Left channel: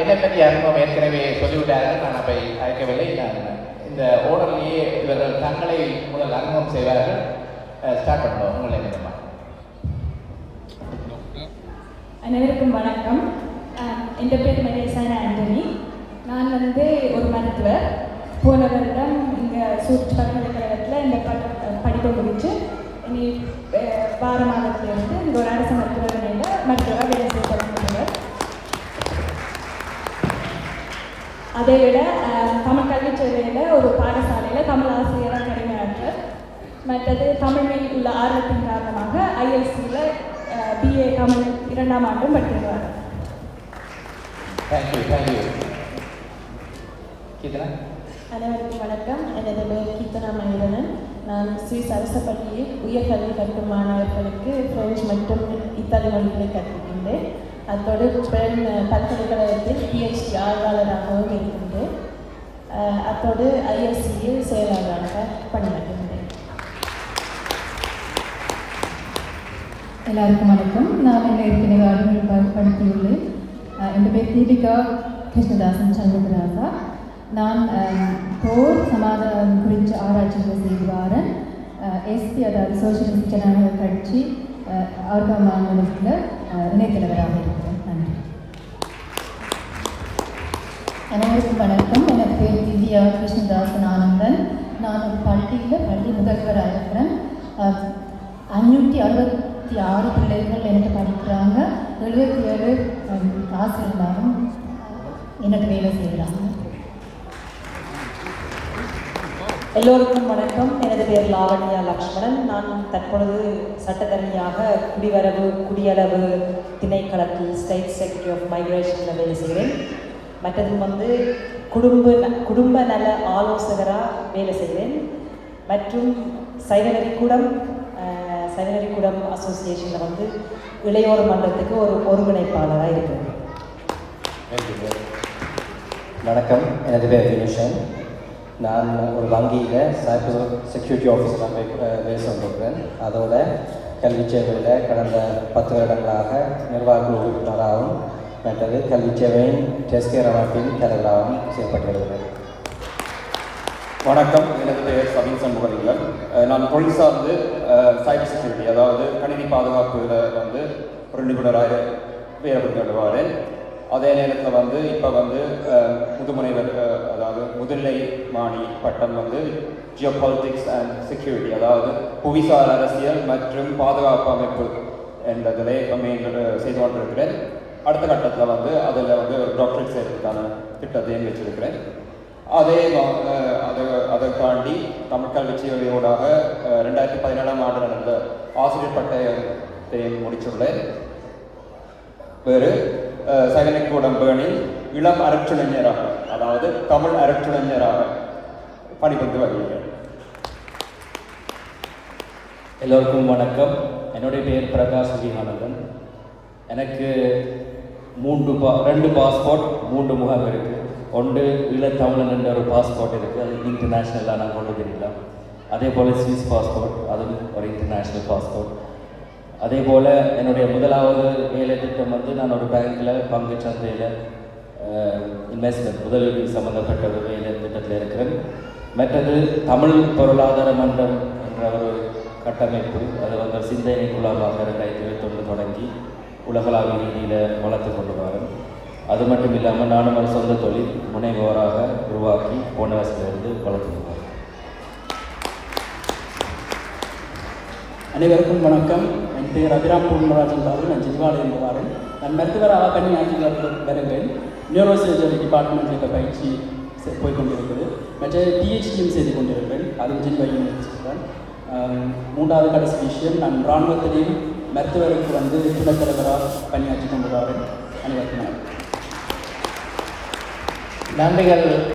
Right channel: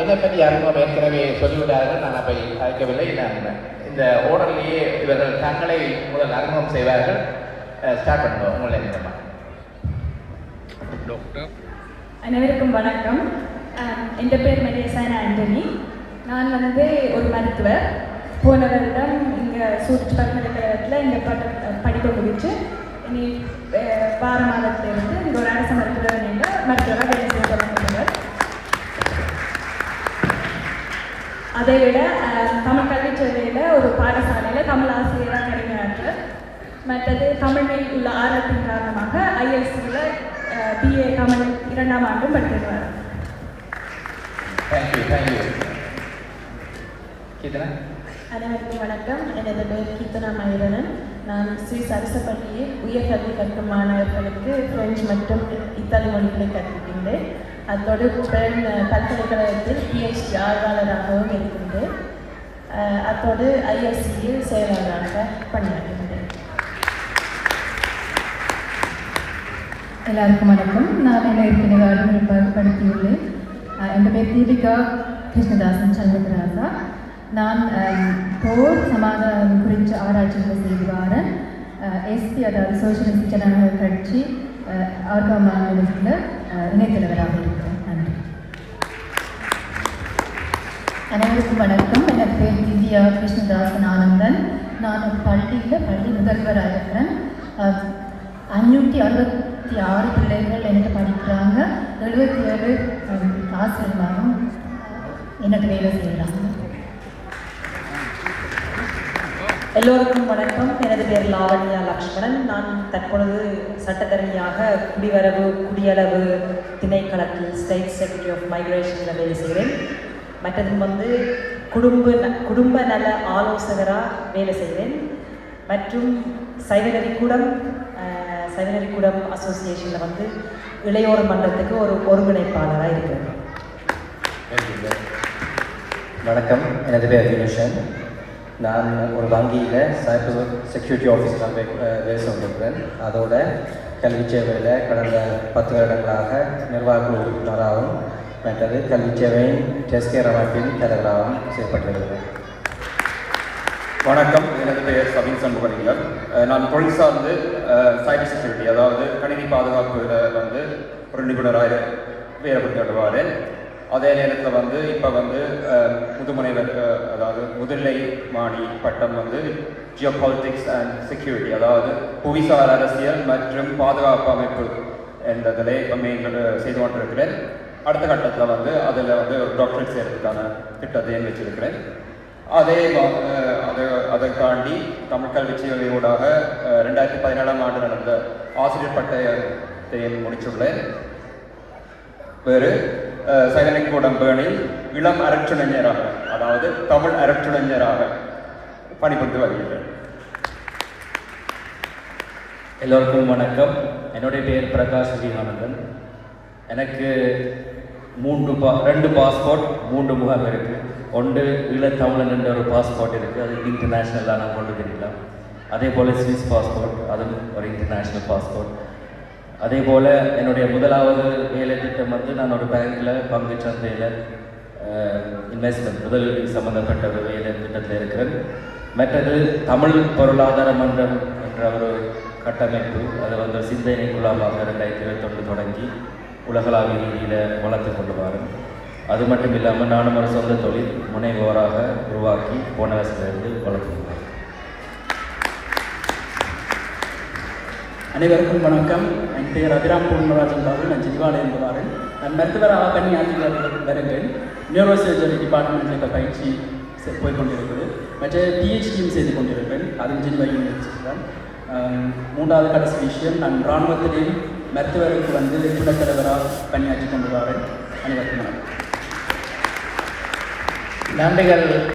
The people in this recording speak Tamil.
என்னை பற்றி அறிமுகம் ஏற்கனவே சொல்லிவிட்டார்கள். நான் அப்பை அழைக்கவில்லை. நான் இந்த ஓடர்லேயே இவர்கள் தங்களை முதல் அறிமுகம் செய்வார்கள். ஸ்டார்ட் பண்ணுவோம். உங்களை அனைவருக்கும் வணக்கம். என் பேர் மெலேசான ஆண்டனி. நான் ஒரு மருத்துவர். போன வருடம் இங்கே சூட் பல்கலைக்கழகத்தில் இந்த படிப்பை முடித்து இனி வார மாதத்திலிருந்து இங்கே ஒரு அரசு மருத்துவராக வேலை செய்ய தொடங்குகிறார். அதை விட தமிழ் கல்விச் சேவையில் ஒரு பாடசாலையில் தமிழ் ஆசிரியராக கடமையாற்ற, மற்றது தமிழில் உள்ள ஆர்வத்தின் காரணமாக ஐஎல்சியில் பிஏ தமிழ் 2ஆம் ஆண்டும் படித்திருக்கிறார். அனைவருக்கும் வணக்கம். எனது பெயர் கீர்த்தனா மயூரன். நான் சுவிஸ் அரச பள்ளியில் உயர்கல்வி கற்கும் மாணவர்களுக்கு பிரெஞ்சு மற்றும் இத்தாலி மொழிகளை கற்பிக்கின்றேன். அத்தோடு பெண் பல்கலைக்கழகத்தில் பிஹெச்டி ஆய்வாளராகவும் இருக்கின்றேன். அத்தோடு ஐஎஸ்சியில் செயலாளராக பணியாற்றுகின்றேன். எல்லாருக்கும் வணக்கம். நான் ஏற்கனவே படித்துள்ளேன். என் பேர் தீபிகா கிருஷ்ணதாசன் சண்முகராசா. நான் போர் சமாதானம் குறித்த ஆராய்ச்சிகளை செய்து வரேன். எஸ்பி, அதாவது சோசியலிஸ்ட் ஜனநாயக கட்சி அவர்கள் மாநிலத்தில் இணைத்தலைவராக இருக்கிறேன். நன்றி. அனைவருக்கும் வணக்கம். என் பேர் திவ்யா கிருஷ்ணதாசன் ஆனந்தன். நான் ஒரு பள்ளியில் பள்ளி முதல்வராக இருக்கிறேன். 566 பிள்ளைகள் எனக்கு படிக்கிறாங்க. 77 ஆசிரியர்களும் எனக்கு வேலை செய்கிறாங்க. எல்லோருக்கும் வணக்கம். எனது பேர் லாவண்யா லக்ஷ்மணன். நான் தற்பொழுது சட்டத்தரணியாக குடிவரவு குடியளவு திணைக்களத்தில் ஸ்டேட் செக்ரட்டரி ஆஃப் மைக்ரேஷனில் வேலை செய்கிறேன். மற்றது குடும்ப நல ஆலோசகராக வேலை செய்கிறேன். மற்றும் சைவநெறிக்கூடம் அசோசியேஷனில் இளையோர் மன்றத்துக்கு ஒரு ஒருங்கிணைப்பாளராக இருக்கிறேன். வணக்கம். எனது பேர் வினுஷன். நான் ஒரு வங்கியில் சைபர் செக்யூரிட்டி ஆஃபீஸராக வேலை செய்திருக்கிறேன். அதோட கல்வி சேவையில் கடந்த 10 வருடங்களாக நிர்வாக உறுப்பினராகவும் மற்றது கல்வி சேவையின் டெஸ்கேர் அமைப்பின் தலைவராகவும் செயல்பட்டிருக்கிறேன். வணக்கம். எனது பெயர் சபீன் சண்முகலிங்கம். நான் தொழில் சார்ந்து சைபர் செக்யூரிட்டி, அதாவது கணினி பாதுகாப்பில் ஒரு நிபுணராக வேலைப்படுத்துவார். அதே நேரத்தில் இப்போ முதுமுனைவர், அதாவது முதுநிலை மாணி பட்டம் ஜியோபாலிட்டிக்ஸ் அண்ட் செக்யூரிட்டி, அதாவது புவிசார் அரசியல் மற்றும் பாதுகாப்பு அமைப்பு என்றதிலே செய்து கொண்டிருக்கிறேன். அடுத்த கட்டத்தில் அதில் ஒரு டாக்டரேட் செய்கிறதுக்கான திட்டத்தையும் வச்சிருக்கிறேன். அதை தாண்டி தமிழ் கல்வி சேவையோடாக 2017ஆம் ஆண்டு நடந்த ஆசிரியர் பட்டயத்தையும் முடித்துள்ளேன். வேறு சைவநெறிக்கூடம் பேணில் இளம் அரற்றிணைஞராக, அதாவது தமிழ் அரற்றிணைஞராக பணிபுரிந்து வருகிறேன். எல்லோருக்கும் வணக்கம். என்னுடைய பேர் பிரகாஷ் விஜயானந்தன். எனக்கு 2 பாஸ்போர்ட் 3 முகம் இருக்குது. ஒன்று ஈழத்தமிழன் என்ற ஒரு பாஸ்போர்ட் இருக்குது. அது இன்டர்நேஷ்னலாக நான் கொண்டு தெரியலாம். அதே போல் ஸ்விஸ் பாஸ்போர்ட், அதுவும் ஒரு இன்டர்நேஷ்னல் பாஸ்போர்ட். அதே போல் என்னுடைய முதலாவது வேலை திட்டம் நான் ஒரு பேங்கில் பங்கு சந்தையில் இன்வெஸ்ட்மெண்ட் முதலீடு சம்மந்தப்பட்ட ஒரு வேலை திட்டத்தில் இருக்கிறேன். மற்றது தமிழ் பொருளாதார மன்றம் என்ற ஒரு கட்டமைப்பு, அது சிந்தனை குழாமாக 2021 தொடங்கி உலகளாவிய ரீதியில் வளர்த்து கொண்டு வரோம். அது மட்டும் இல்லாமல் நானும் ஒரு சொந்த தொழில் முனைவோராக உருவாக்கி போன வருஷத்திலிருந்து வளர்த்து. அனைவருக்கும் வணக்கம். என் பேர் அபிராம் பூர்ணராஜன். நான் ஜிவாலிருந்து வரேன். நான் மருத்துவராக பணியாற்றி வருகிறேன். நியூரோ சர்ஜரி டிபார்ட்மெண்ட்டில் பயிற்சி போய்கொண்டிருக்கிறது. மற்ற பிஹெச்டியும் செய்து கொண்டிருக்கிறேன். அது ஜின்வா யூனிவர்சிட்டி தான். 3வது கடைசி விஷயம், நான் இராணுவத்திலேயும் மருத்துவருக்கு துணைத் தலைவராக பணியாற்றி கொண்டு வரேன். அனைவருக்கும் நன்றிகள்.